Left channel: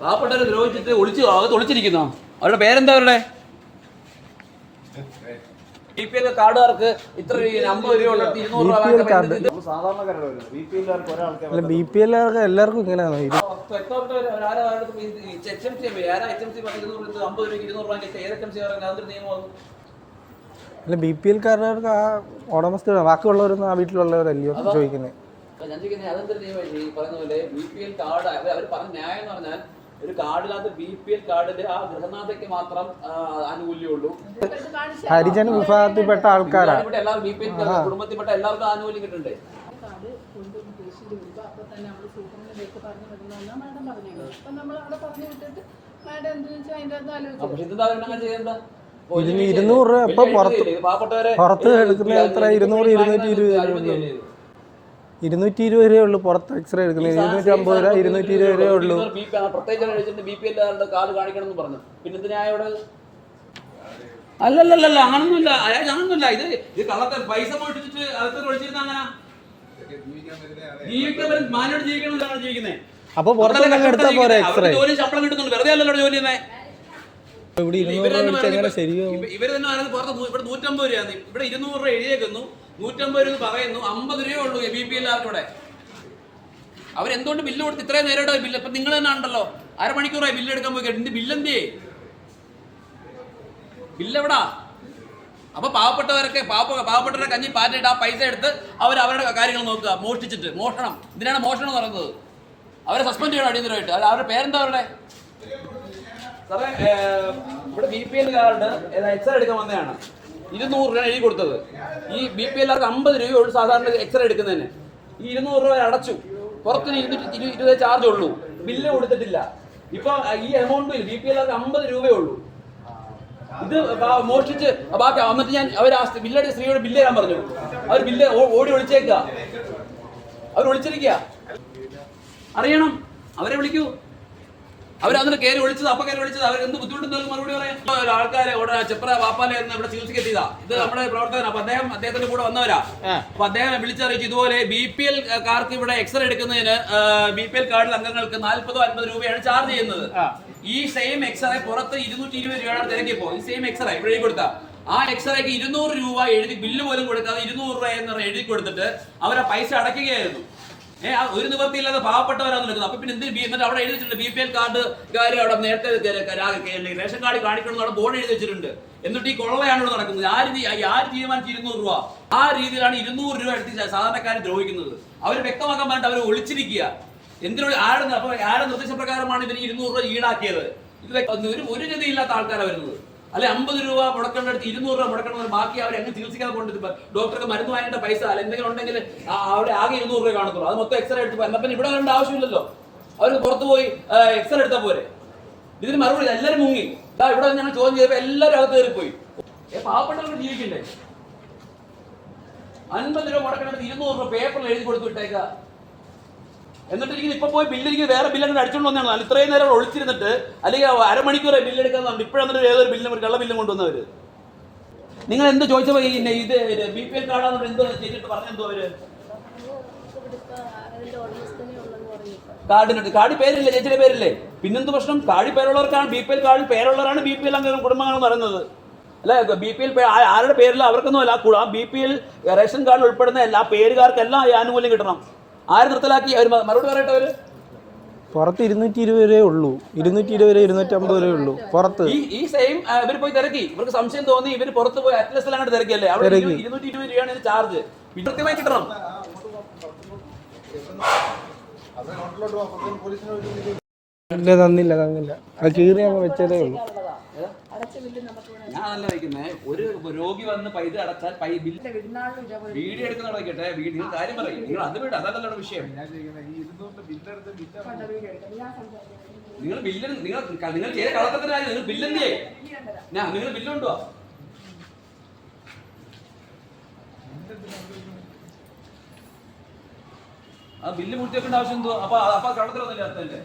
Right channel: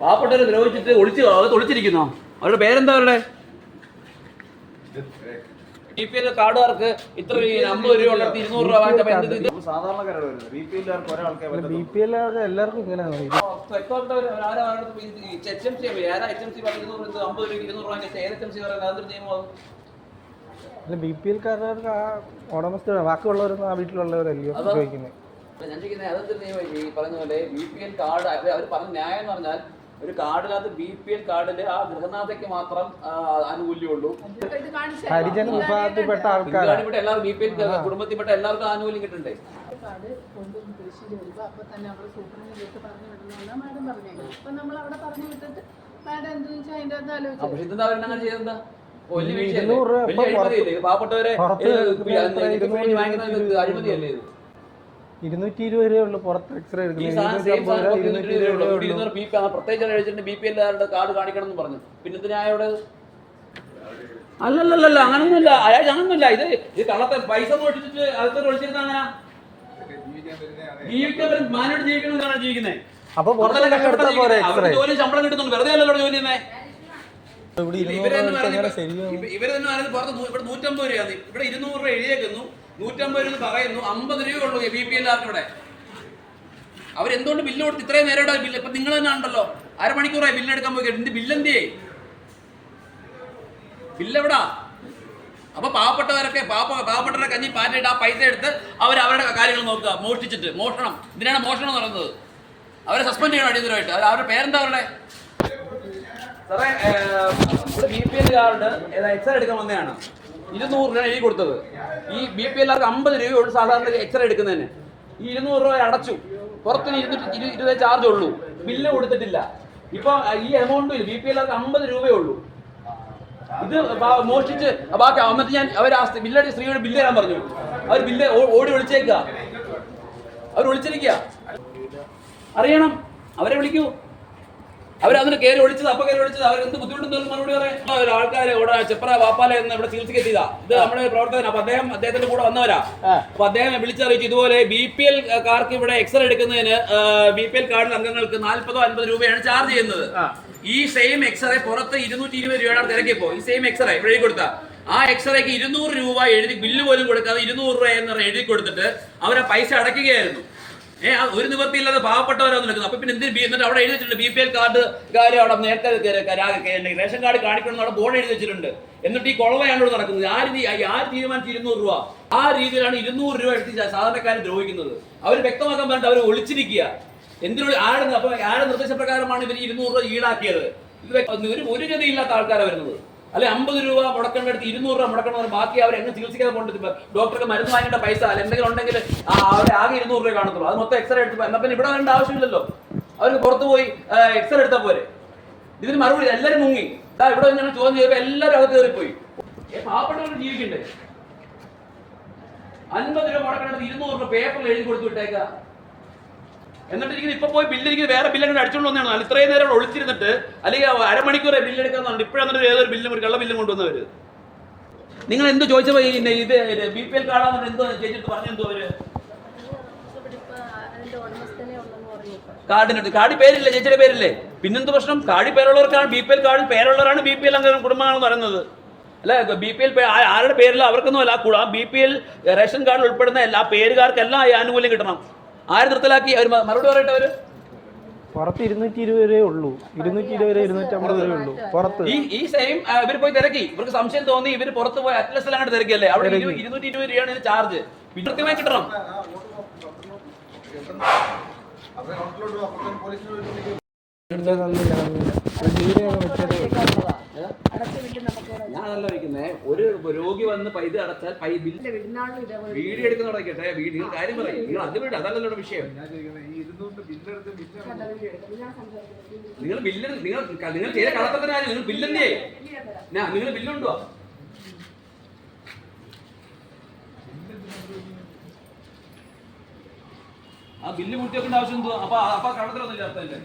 പാവപ്പെട്ടവരെ ദ്രോഹിച്ചിട്ട് ഒളിച്ച് അകത്ത് ഒളിച്ചിരിക്കുന്നോ? അവരുടെ പേരെന്താ അവരുടെ? ബി പി എൽ കാർഡുകാർക്ക് ഇത്ര അമ്പത് രൂപ ഉള്ളിടത്ത് ഇരുന്നൂറ് രൂപ ബി പി എല്ലാവർക്കും ഒരാൾക്കേ അല്ല ബി പി എല്ലാവർക്കും എല്ലാവർക്കും ഇങ്ങനെയാണ് ഇത് വ്യക്തമായിട്ടവര് ആരാ അവരുടെ എച്ച് എം സി ആരാ എച്ച് എം സി പത്ത് ഇരുന്നൂറ് അമ്പത് രൂപ ഇരുന്നൂറ് വാങ്ങിച്ച ഏത് എച്ച് എം സി പറയുന്നത് അതൊരു നിയമമാകും അല്ല ബി പി എൽക്കാർക്ക് ആ ഉടമസ്ഥ ബാക്കിയുള്ളവരൊന്നും ആ വീട്ടിലുള്ളവരല്ലയോ ചോദിക്കുന്നത് ഞാൻ ചോദിക്കുന്നത് അതെന്തൊരു നിയമം ഈ പറയുന്ന പോലെ ബി പി എൽ കാർഡ് അവർ പറഞ്ഞ ന്യായം എന്ന് പറഞ്ഞാൽ ഒരു കാർഡിനകത്ത് ബി പി എൽ കാർഡിൽ ആ ഗൃഹനാഥയ്ക്ക് മാത്രം ആനുകൂല്യമുള്ളൂ ഹരിജൻ വിഭാഗത്തിൽപ്പെട്ട ആൾക്കാർ ഇവിടെ എല്ലാവരും ബി പി എൽ കുടുംബത്തിൽപ്പെട്ട എല്ലാവർക്കും ആനുകൂല്യം കിട്ടണ്ടേ അത് കൊണ്ട് ഉദ്ദേശിച്ച് അപ്പോൾ തന്നെ വീട്ടിൽ പറഞ്ഞു വിടണമെന്നാണ് മാഡം പറഞ്ഞത് അപ്പം നമ്മൾ അവിടെ പറഞ്ഞു വിട്ടിട്ട് മാഡം വെച്ചാൽ അതിന്റെ അത് ആലോചിച്ചു? ഇരുന്നൂറ് രൂപ? പാവപ്പെട്ടവരെ ഇരുന്നൂറ്, ഇരുന്നൂറ്റി ഇരുപത് ഇത്? ഇരുന്നൂറ്റി ഇരുപത് രൂപയേ ഉള്ളൂ പുറത്ത് എക്സ്റേ എടുക്കുന്നത്. ഇരുന്നൂറ്റി അമ്പത് രൂപ ഇരുന്നൂറ്റി ഇരുപത് രൂപയേ ഉള്ളൂ. പ്രത്യേകിച്ച് കഴിച്ചിട്ട് ബി പി എല്ലാവരുടെ കാർഡ് കാണിക്കണം എന്ന് പറഞ്ഞു. പിന്നെ എന്തിനാ അവിടെ അല്ലല്ലല്ല അങ്ങനൊന്നുമില്ല. അയാൾ അങ്ങനൊന്നുമില്ല. ഇത് ഇത് കള്ളത്തെ പൈസ മോഷ്ടിച്ചിട്ട് അകത്തോട്ട് ഒഴിച്ചിരുന്നാണ് ജീവിക്കാൻ മാനോട് ജീവിക്കണമെന്നാണ് ജീവിക്കുന്നത്. അപ്പൊ പുറത്തൊക്കെ എടുത്താൽ പോരെ എക്സ്റേ ജോലി ശമ്പളം കിട്ടുന്നുണ്ട്. വെറുതെ അല്ലല്ലോ ജോലി തന്നെ ഇവർ തന്നെ പുറത്ത് ഇവിടെ നൂറ്റമ്പത് രൂപയാണ്. ഇവിടെ ഇരുന്നൂറ് രൂപ എഴുതിയേക്കുന്നു. നൂറ്റമ്പത് രൂപ പറയുന്നു. അമ്പത് രൂപയേ ഉള്ളൂ ബി പി എല്ലാവർക്കൂടെ അവരെന്തുകൊണ്ട് ബില്ല് കൊടുത്ത് ഇത്രയും നേരം ബില്ല്? ഇപ്പൊ നിങ്ങൾ തന്നെ ഉണ്ടല്ലോ. അരമണിക്കൂറായി ബില്ല് എടുക്കാൻ പോയി എന്ത് ബില്ലെന്തേ ബില്ല് എവിടാ അപ്പൊ പാവപ്പെട്ടവരൊക്കെ പാവ പാവപ്പെട്ടവരുടെ കഞ്ഞി പാറ്റിട്ട് ആ പൈസ എടുത്ത് അവർ അവരുടെ കാര്യങ്ങൾ നോക്കുക. മോഷ്ടിച്ചിട്ട്. മോഷണം. ഇതിനാണ് മോഷണം എന്ന് പറയുന്നത്. അവരെ സസ്പെൻഡ് ചെയ്യണം അടിയന്തരമായിട്ട്. അവരുടെ പേരെന്താ അവരുടെ? സാറേ B P L card exam എടുക്കാൻ വന്നതാണ്. ഇരുന്നൂറ് രൂപയാണ് എഴുതി കൊടുത്തത്. ഈ ബി പി എല്ലാവർക്ക് അമ്പത് രൂപയുള്ളൂ സാധാരണ എക്സ്റേ എടുക്കുന്നതിന്. ഈ ഇരുന്നൂറ് രൂപ അടച്ചു. പുറത്തിന് ഇരുന്നൂറ്റി ഇരു- ഇരുപത് ചാർജ് ഉള്ളൂ. ബില്ല് കൊടുത്തിട്ടില്ല. ഇപ്പൊ ഈ എമൗണ്ടിൽ ബി പി എല്ലാവർക്ക് അമ്പത് രൂപയേ ഉള്ളൂ. ഇത് മോഷ്ടിച്ച് ബാക്കി എന്നിട്ട് ഞാൻ അവർ ആ ബില്ലടി സ്ത്രീയോട് ബില്ല് തരാൻ പറഞ്ഞു. അവർ ബില്ല് ഓടി വിളിച്ചേക്കുക അവർ വിളിച്ചിരിക്കുക അറിയണം. അവരെ വിളിക്കൂ. അവർ അതിന് കയറി ഒളിച്ചത് അപ്പൊ കയറി ഒളിച്ചത്. അവർ എന്ത് ബുദ്ധിമുട്ടുണ്ടെന്ന് മറുപടി പറയാം ആൾക്കാരെ ഇവിടെ ചെപ്ര വാപ്പാല എന്ന് ഇവിടെ ചികിത്സയ്ക്ക് എത്തിയതാ. ഇത് നമ്മുടെ പ്രവർത്തകൻ അപ്പൊ അദ്ദേഹം അദ്ദേഹത്തിന്റെ കൂടെ വന്നവരാ. അപ്പൊ അദ്ദേഹം വിളിച്ചറിയിച്ചു ഇതുപോലെ ബി പി എൽ കാർക്ക് ഇവിടെ എക്സ്റേ എടുക്കുന്നതിന് ബി പി എൽ കാർഡിൽ അംഗങ്ങൾക്ക് നാല്പതോ അൻപത് രൂപയാണ് ചാർജ് ചെയ്യുന്നത്. ഈ സെയിം എക്സ്റേ പുറത്ത് ഇരുന്നൂറ്റി ഇരുപത് രൂപയാണ് തിരക്കിപ്പോ. ഈ സെയിം എക്സ്റേ ഇവിടെ എഴുതി കൊടുത്ത. ആ എക്സ്റേക്ക് ഇരുന്നൂറ് രൂപ എഴുതി ബില്ല് പോലും കൊടുക്കാതെ ഇരുന്നൂറ് രൂപ എന്ന് പറഞ്ഞ് എഴുതി കൊടുത്തിട്ട് അവരെ പൈസ അടയ്ക്കുകയായിരുന്നു. ഏ ആ ഒരു നിവർത്തിയില്ലാതെ പാവപ്പെട്ടവരാണ് നിൽക്കുന്നത് അപ്പൊ പിന്നെ എന്തിന് എന്നിട്ട് അവിടെ എഴുതി വെച്ചിട്ടുണ്ട് ബി പി എൽ കാർഡ് കാര്യം അവിടെ നേരത്തെ റേഷൻ കാർഡ് കാണിക്കണം അവിടെ ബോർഡ് എഴുതി വെച്ചിട്ടുണ്ട്. എന്നിട്ട് ഈ കൊള്ളയാണ് ഇവിടെ നടക്കുന്നത്. ആര് രീതി ആര് തീരുമാനിച്ച് ഇരുന്നൂറ് രൂപ? ആ രീതിയിലാണ് ഇരുന്നൂറ് രൂപ എടുത്ത് സാധാരണക്കാരെ ദ്രോഹിക്കുന്നത്. അവർ വ്യക്തമാക്കാൻ പറഞ്ഞിട്ട് അവർ ഒളിച്ചിരിക്കുക. എന്തിനുള്ള ആരുടെ അപ്പൊ ആരുടെ നിർദ്ദേശപ്രകാരമാണ് ഇവർ ഇരുന്നൂറ് രൂപ ഈടാക്കിയത്? ഒരു ഒരു ഗതിയില്ലാത്ത ആൾക്കാരാണ് വരുന്നത്. അല്ലെ അമ്പത് രൂപ മുടക്കേണ്ട അടുത്ത് ഇരുന്നൂറ് രൂപ മുടക്കേണ്ട ബാക്കി അവർ എങ്ങനെ ചികിത്സിക്കാതെ കൊണ്ട് ഡോക്ടർക്ക് മരുന്ന് വാങ്ങേണ്ട പൈസ അല്ല. എന്തെങ്കിലും ഉണ്ടെങ്കിൽ അവിടെ ആകെ ഇരുന്നൂറ് രൂപ കാണത്തുള്ളൂ. അത് മൊത്തം എക്സ്റേ എടുത്ത് എന്നാൽ പിന്നെ ഇവിടെ വരേണ്ട ആവശ്യമില്ലല്ലോ. അവർക്ക് പുറത്തു പോയി എക്സ്റേ എടുത്താൽ പോരെ. ഇതിന് മറുപടി എല്ലാവരും മുങ്ങി. ഇതാ ഇവിടെ ഞങ്ങൾ ചോദ്യം ചെയ്തപ്പോൾ എല്ലാവരും അകത്ത് കയറിപ്പോയി. ഏ പാവപ്പെട്ടവർക്ക് ജീവിക്കണ്ടേ? അൻപത് രൂപ മുടക്കേണ്ടത് ഇരുന്നൂറ് രൂപ പേപ്പറിൽ എഴുതി കൊടുത്തു വിട്ടേക്ക. എന്നിട്ട് ഇരിക്കുന്നത് ഇപ്പൊ പോയി ബില്ലിരിക്കുന്നത് വേറെ ബില്ലൊക്കെ അടിച്ചോണ്ട് വന്നതാണ്. ഇത്രയും നേരം അവിടെ ഒളിച്ചിരുന്നിട്ട് അല്ലെങ്കിൽ അരമണിക്കൂറെ ബില്ല് എടുക്കാൻ പറഞ്ഞു ഇപ്പോഴെന്നിട്ട് ഏതൊരു ബില്ലും ഒരു കള്ള ബില്ലും കൊണ്ടുവന്നവർ നിങ്ങൾ എന്ത് ചോദിച്ചപ്പോ ഈ ഇത് ബി പി എൽ കാർഡാണെന്ന് എന്തോ ചേച്ചിട്ട് പറഞ്ഞെന്തോ അവർ? കാർഡിനുണ്ട് കാർഡ് പേരില്ലേ ചേച്ചിയുടെ പേരില്ലേ? പിന്നെന്ത് പ്രശ്നം? കാർഡ് പേരുള്ളവർക്കാണ് ബി പി എൽ കാർഡിൽ പേരുള്ളവരാണ് ബി പി എൽ അംഗം കുടുംബങ്ങളെന്ന് പറയുന്നത്. അല്ല? ബി പി എൽ ആരുടെ പേരിൽ അവർക്കൊന്നും അല്ല. ആ ബി പി എൽ റേഷൻ കാർഡിൽ ഉൾപ്പെടുന്ന എല്ലാ പേരുകാർക്കെല്ലാം ഈ ആനുകൂല്യം കിട്ടണം. ആര് നിർത്തലാക്കി? അവർ മറുപടി പറയട്ടെ അവർ? പുറത്ത് ഇരുന്നൂറ്റി ഇരുപത് വരെ ഉള്ളൂ. ഇരുന്നൂറ്റി ഇരുപത് വരെ ഇരുന്നൂറ്റി അമ്പത് വരെ ഉള്ളൂ. പുറത്ത്. ഈ ഈ സെയിം ഇവർ പോയി തിരക്കി. ഇവർക്ക് സംശയം തോന്നി ഇവർ പുറത്ത് പോയി അറ്റ്ലസിൽ അങ്ങോട്ട് തിരക്കിയല്ലേ? അവിടെ ഇരു- ഇരുന്നൂറ്റി ഇരുപത് രൂപയാണ് ഇതിന് ചാർജ് കൃത്യമായി കിട്ടണം. ഇല്ല തന്നില്ല തന്നില്ല. അങ്ങ് വെച്ചതേ ഉള്ളൂ. ഒരു രോഗി വന്ന് പൈസ അടച്ചാൽ പൈ ഇതേപോലെ വീഡിയോ എടുക്കുന്ന കേട്ടെ വീഡിയോ കാര്യം പറയും. നിങ്ങൾ അത് വിട് അതല്ലല്ലോ വിഷയം. നിങ്ങൾ ബില്ല് നിങ്ങൾ നിങ്ങൾ ചെയ്ത കളത്തത്തിന്റെ കാര്യം നിങ്ങൾ ബില്ലെന്തേ ഞാൻ നിങ്ങൾ ബില്ലുണ്ടോ? ആ ബില്ല് കൂട്ടി ആവശ്യം എന്തോ അപ്പൊ അപ്പൊ കടത്തിലൊന്നുമില്ല അർത്ഥം